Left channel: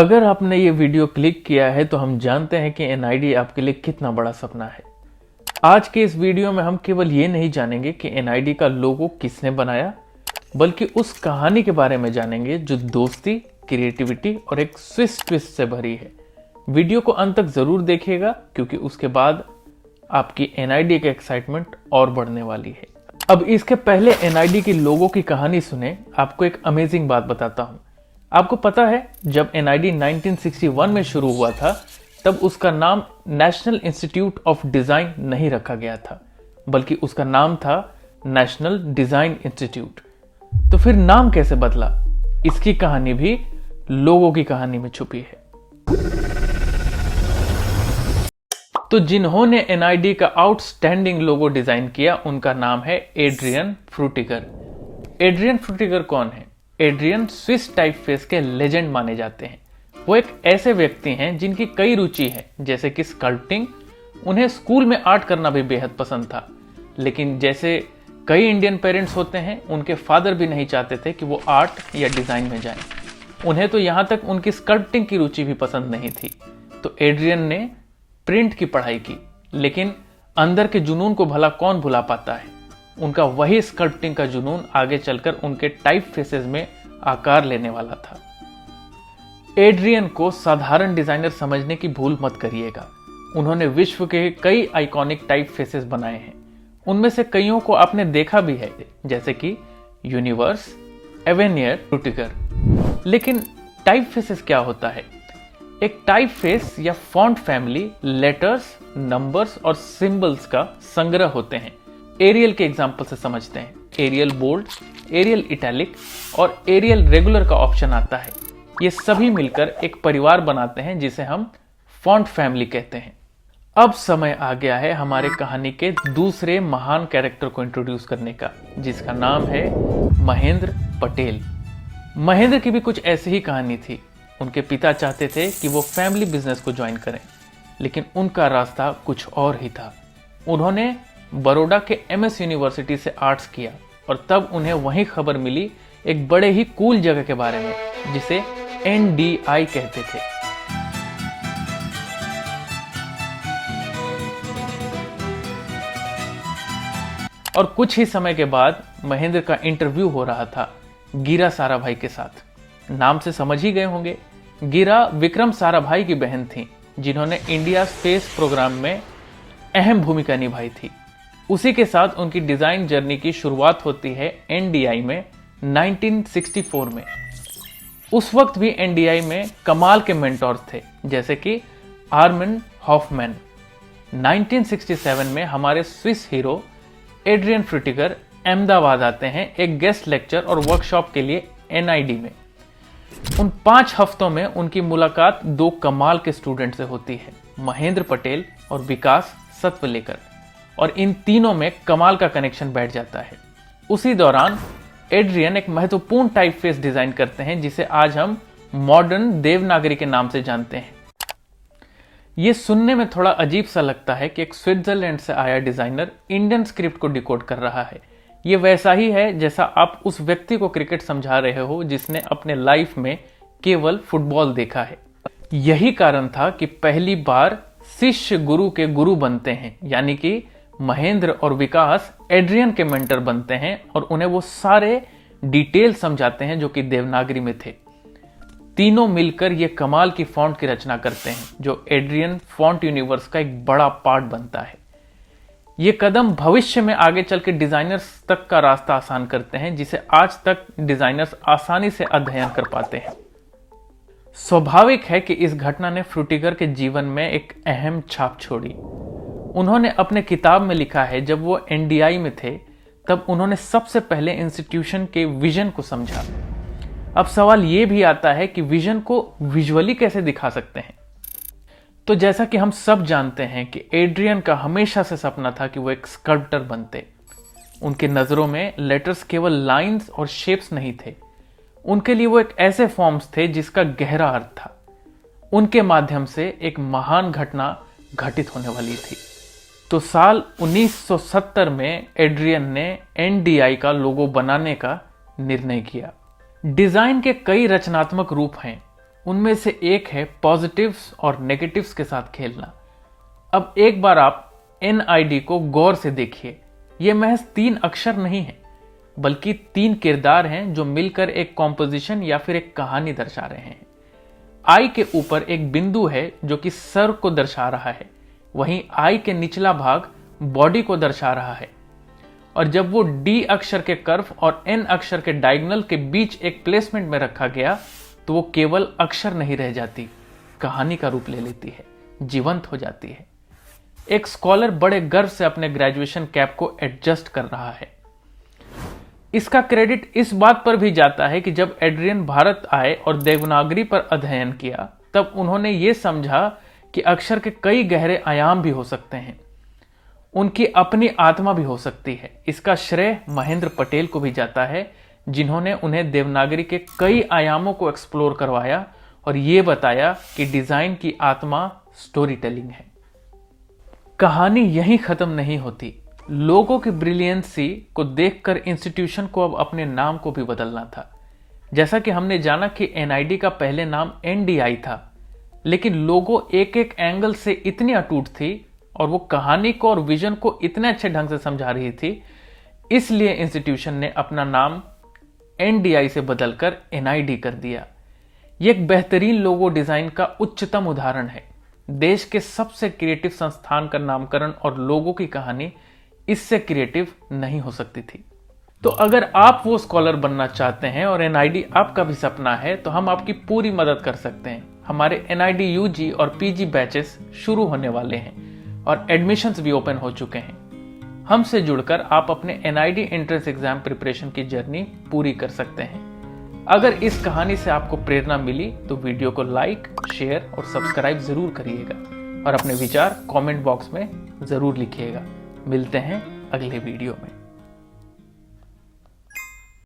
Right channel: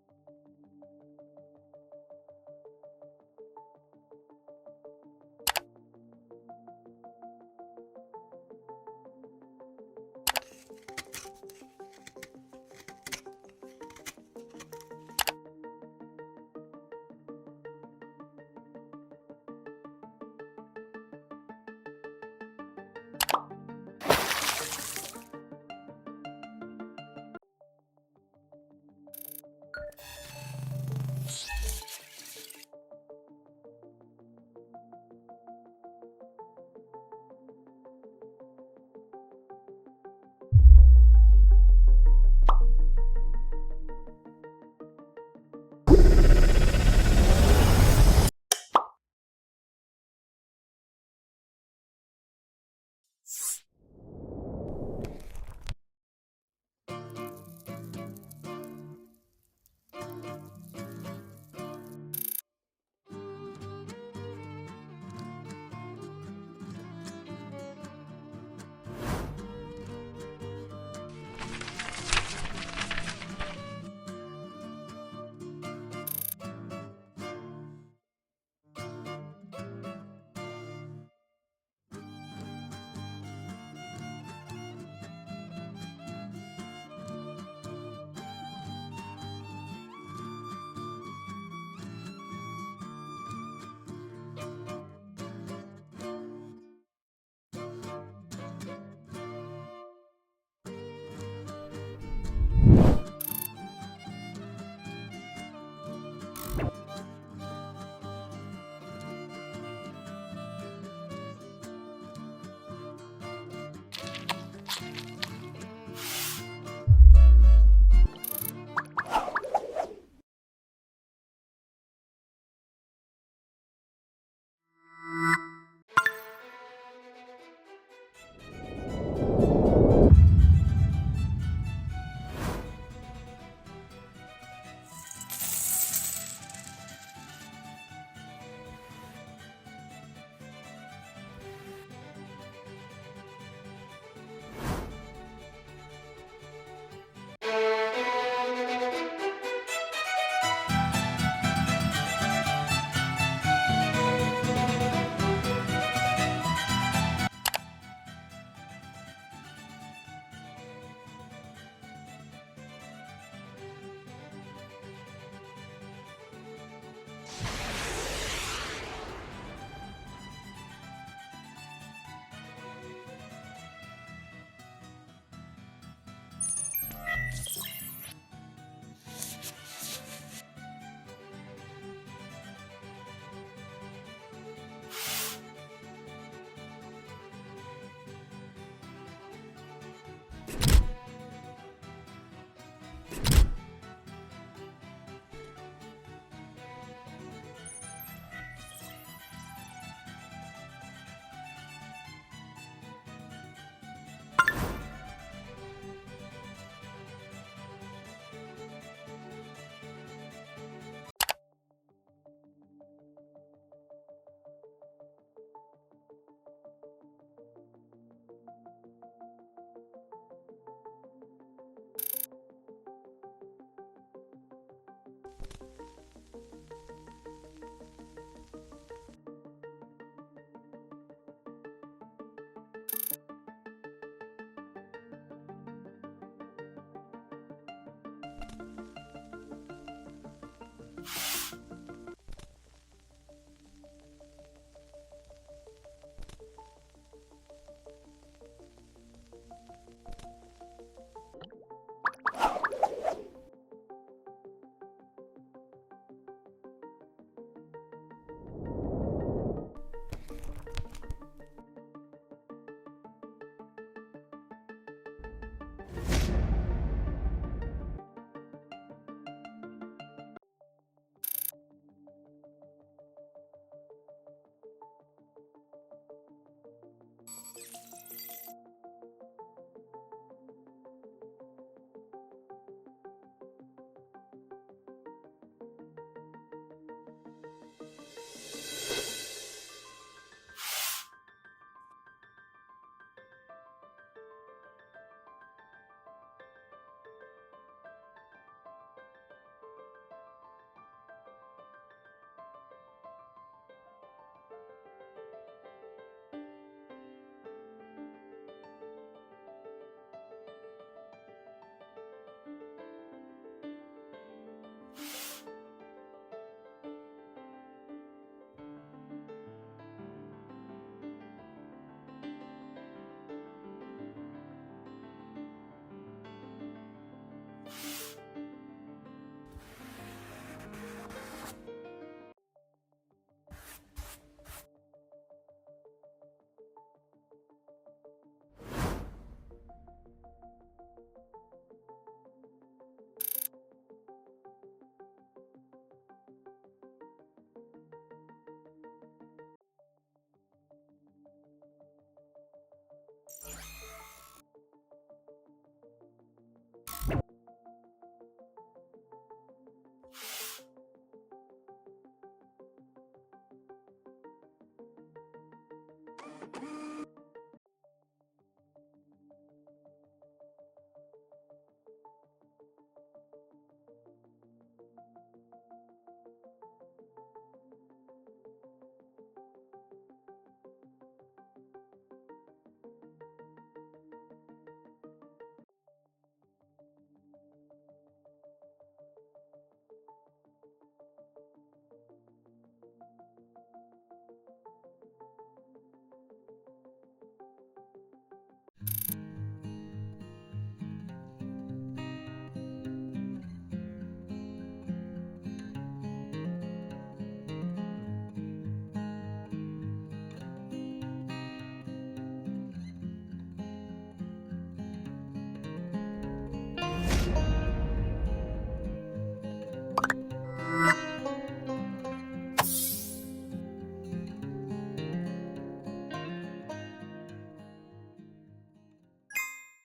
अगर आपने ये वीडियो क्लिक किया है तो हम जानते हैं कि एनआईडी आपके लिए कितना बड़ा सपना है। आज के इस वीडियो में हम केवल ये नहीं जानेंगे कि एनआईडी का लोगो किसने बनाया, बल्कि उस कहानी के बारे में जानेंगे जो दोस्ती, क्रिएटिविटी और एक स्विस ट्विस्ट से भरी है। वीडियो को अंत तक जरूर देखिएगा क्योंकि उसके बाद आपकी एनआईडी की एक्साइटमेंट और बढ़ने वाली है। अब इसके पहले एनआईडी की लोगो की कहानी सुने, आपको एक अमेजिंग बात बताता हूँ। आपको पता है जब एनआईडी 1961 में शुरू हुआ था तब उसका नाम नेशनल इंस्टीट्यूट ऑफ डिजाइन नहीं रखा गया था, बल्कि उसका नाम था नेशनल डिजाइन इंस्टीट्यूट। तो फिर नाम कैसे बदला, इसकी कहानी भी लोगों की कहानी में छुपी है। तो जिन्होंने एनआईडी का आउटस्टैंडिंग लोगो डिजाइन किया उनका नाम है एड्रियन फ्रूटिगर। एड्रियन फ्रूटिगर कौन है? एड्रियन स्विस टाइपफेस के लेजेंड माने जाते हैं। वो एक ऐसे व्यक्ति हैं जिनकी कई रुचि है, जैसे कि स्कल्पटिंग। उन्हें स्कूल में आर्ट करना भी बेहद पसंद था, लेकिन जैसे कई इंडियन पेरेंट्स होते हैं, उनके फादर भी नहीं चाहते थे कि वो आर्ट या डिजाइन में जाएं। उन्हें तो यहाँ तक उनकी स्कल्पटिंग की रुचि भी पसंद नहीं थी। तो एड्रियन ने प्रिंट की पढ़ाई की, लेकिन अंदर के जुनून को भला कौन भुला पाता है। उनका वही स्कल्पटिंग का जुनून आगे चलकर उनके टाइप फेसेस में आकार लेने वाला था। एड्रियन को साधारण डिजाइनर समझने की भूल मत करिएगा। उन्होंने विश्व के कई आइकॉनिक टाइप फेसेस बनाए हैं। उनमें से कईयों को आपने देखा भी है, जैसे कि यूनिवर्स, एवेनियर, फ्रूटिगर। लेकिन टाइप फेसेस क्या होता है? एक टाइप फेस या फॉन्ट फैमिली लेटर्स, नंबर्स और सिंबल्स का संग्रह होते हैं। एरियल के एग्जाम्पल से समझते हैं। एरियल बोल्ड, एरियल इटैलिक और एरियल रेगुलर का ऑप्शन आता है। ये सभी मिलकर एक परिवार बनाते हैं जिसे हम फॉन्ट फैमिली कहते हैं। अब समय आ गया है हमारे कहानी के दूसरे महान कैरेक्टर को इंट्रोड्यूस करने का, जिसका नाम है महेंद्र पटेल। महेंद्र की भी कुछ ऐसी ही कहानी थी। उनके पिता चाहते थे कि वो फैमिली बिजनेस को ज्वाइन करें, लेकिन उनका रास्ता कुछ और ही था। उन्होंने बड़ौदा के एमएस यूनिवर्सिटी से आर्ट्स किया और तब उन्हें वहीं खबर मिली एक बड़े ही कूल जगह के बारे में, जिसे एनडीआई कहते थे। और कुछ ही समय के बाद महेंद्र का इंटरव्यू हो रहा था गिरा साराभाई के साथ। नाम से समझ ही गए होंगे, गिरा विक्रम साराभाई की बहन थी, जिन्होंने इंडिया स्पेस प्रोग्राम में अहम भूमिका निभाई थी। उसी के साथ उनकी डिजाइन जर्नी की शुरुआत होती है एनडीआई में 1964 में। उस वक्त भी एनडीआई में कमाल के मेंटोर थे, जैसे कि आर्मिन हॉफमैन। 1967 में हमारे स्विस हीरो एड्रियन फ्रूटिगर अहमदाबाद आते हैं एक गेस्ट लेक्चर और वर्कशॉप के लिए एनआईडी में। उन 5 हफ्तों में उनकी मुलाकात 2 कमाल के स्टूडेंट से होती है, महेंद्र पटेल और विकास सतवलेकर। और इन तीनों में कमाल का कनेक्शन बैठ जाता है। उसी दौरान एड्रियन एक महत्वपूर्ण टाइपफेस डिजाइन करते हैं, जिसे आज हम मॉडर्न देवनागरी के नाम से जानते हैं। यह सुनने में थोड़ा अजीब सा लगता है कि एक स्विट्जरलैंड से आया डिजाइनर इंडियन स्क्रिप्ट को डिकोड कर रहा है। यह वैसा ही है जैसा आप उस व्यक्ति को क्रिकेट समझा रहे हो जिसने अपने लाइफ में केवल फुटबॉल देखा है। यही कारण था कि पहली बार शिष्य गुरु के गुरु बनते हैं, यानी कि महेंद्र और विकास एड्रियन के मेंटर बनते हैं और उन्हें वो सारे डिटेल समझाते हैं जो कि देवनागरी में थे। तीनों मिलकर ये कमाल की फॉन्ट की रचना करते हैं, जो एड्रियन फॉन्ट यूनिवर्स का एक बड़ा पार्ट बनता है। ये कदम भविष्य में आगे चल के डिजाइनर्स तक का रास्ता आसान करते हैं, जिसे आज तक डिजाइनर्स आसानी से अध्ययन कर पाते हैं। स्वाभाविक है कि इस घटना ने फ्रूटिगर के जीवन में एक अहम छाप छोड़ी। उन्होंने अपने किताब में लिखा है, जब वो एनडीआई में थे तब उन्होंने सबसे पहले इंस्टीट्यूशन के विजन को समझा। अब सवाल ये भी आता है कि विजन को विजुअली कैसे दिखा सकते हैं। तो जैसा कि हम सब जानते हैं कि एड्रियन का हमेशा से सपना था कि वो एक स्कल्प्टर बनते। उनके नजरों में लेटर्स केवल लाइंस और शेप्स नहीं थे, उनके लिए वो एक ऐसे फॉर्म्स थे जिसका गहरा अर्थ था। उनके माध्यम से एक महान घटना घटित होने वाली थी। तो साल 1970 में एड्रियन ने एनडीआई का लोगो बनाने का निर्णय किया। डिजाइन के कई रचनात्मक रूप हैं। उनमें से एक है पॉजिटिव्स और नेगेटिव्स के साथ खेलना। अब एक बार आप NID को गौर से देखिए। ये महज 3 अक्षर नहीं है, बल्कि 3 किरदार हैं जो मिलकर एक कॉम्पोजिशन या फिर एक कहानी दर्शा रहे हैं। I के ऊपर एक बिंदु है जो कि सर को दर्शा रहा है, वहीं I के निचला भाग बॉडी को दर्शा रहा है। और जब वो D अक्षर के कर्व और N अक्षर के डायगोनल के बीच एक प्लेसमेंट में रखा गया तो वो केवल अक्षर नहीं रह जाती, कहानी का रूप ले लेती है, जीवंत हो जाती है। एक स्कॉलर बड़े गर्व से अपने ग्रेजुएशन कैप को एडजस्ट कर रहा है। इसका क्रेडिट इस बात पर भी जाता है कि जब एड्रियन भारत आए और देवनागरी पर अध्ययन किया, तब उन्होंने ये समझा कि अक्षर के कई गहरे आयाम भी हो सकते हैं, उनकी अपनी आत्मा भी हो सकती है। इसका श्रेय महेंद्र पटेल को भी जाता है, जिन्होंने उन्हें देवनागरी के कई आयामों को एक्सप्लोर करवाया और ये बताया कि डिजाइन की आत्मा स्टोरी टेलिंग है। कहानी यहीं खत्म नहीं होती। लोगों की ब्रिलियंसी को देखकर इंस्टीट्यूशन को अब अपने नाम को भी बदलना था। जैसा कि हमने जाना कि NID का पहले नाम NDI था, लेकिन लोगो एक एक एंगल से इतनी अटूट थी और वो कहानी को और विजन को इतने अच्छे ढंग से समझा रही थी, इसलिए इंस्टीट्यूशन ने अपना नाम NDI से बदलकर NID कर दिया। ये एक बेहतरीन लोगो डिजाइन का उच्चतम उदाहरण है। देश के सबसे क्रिएटिव संस्थान का नामकरण और लोगों की कहानी इससे क्रिएटिव नहीं हो सकती थी। तो अगर आप वो स्कॉलर बनना चाहते हैं और NID आपका भी सपना है, तो हम आपकी पूरी मदद कर सकते हैं। हमारे NID UG और PG बैचेस शुरू होने वाले हैं और एडमिशन्स भी ओपन हो चुके हैं। हमसे जुड़कर आप अपने NID एंट्रेंस एग्जाम प्रिपरेशन की जर्नी पूरी कर सकते हैं। अगर इस कहानी से आपको प्रेरणा मिली तो वीडियो को लाइक, शेयर और सब्सक्राइब जरूर करिएगा और अपने विचार कमेंट बॉक्स में जरूर लिखिएगा। मिलते हैं अगले वीडियो में।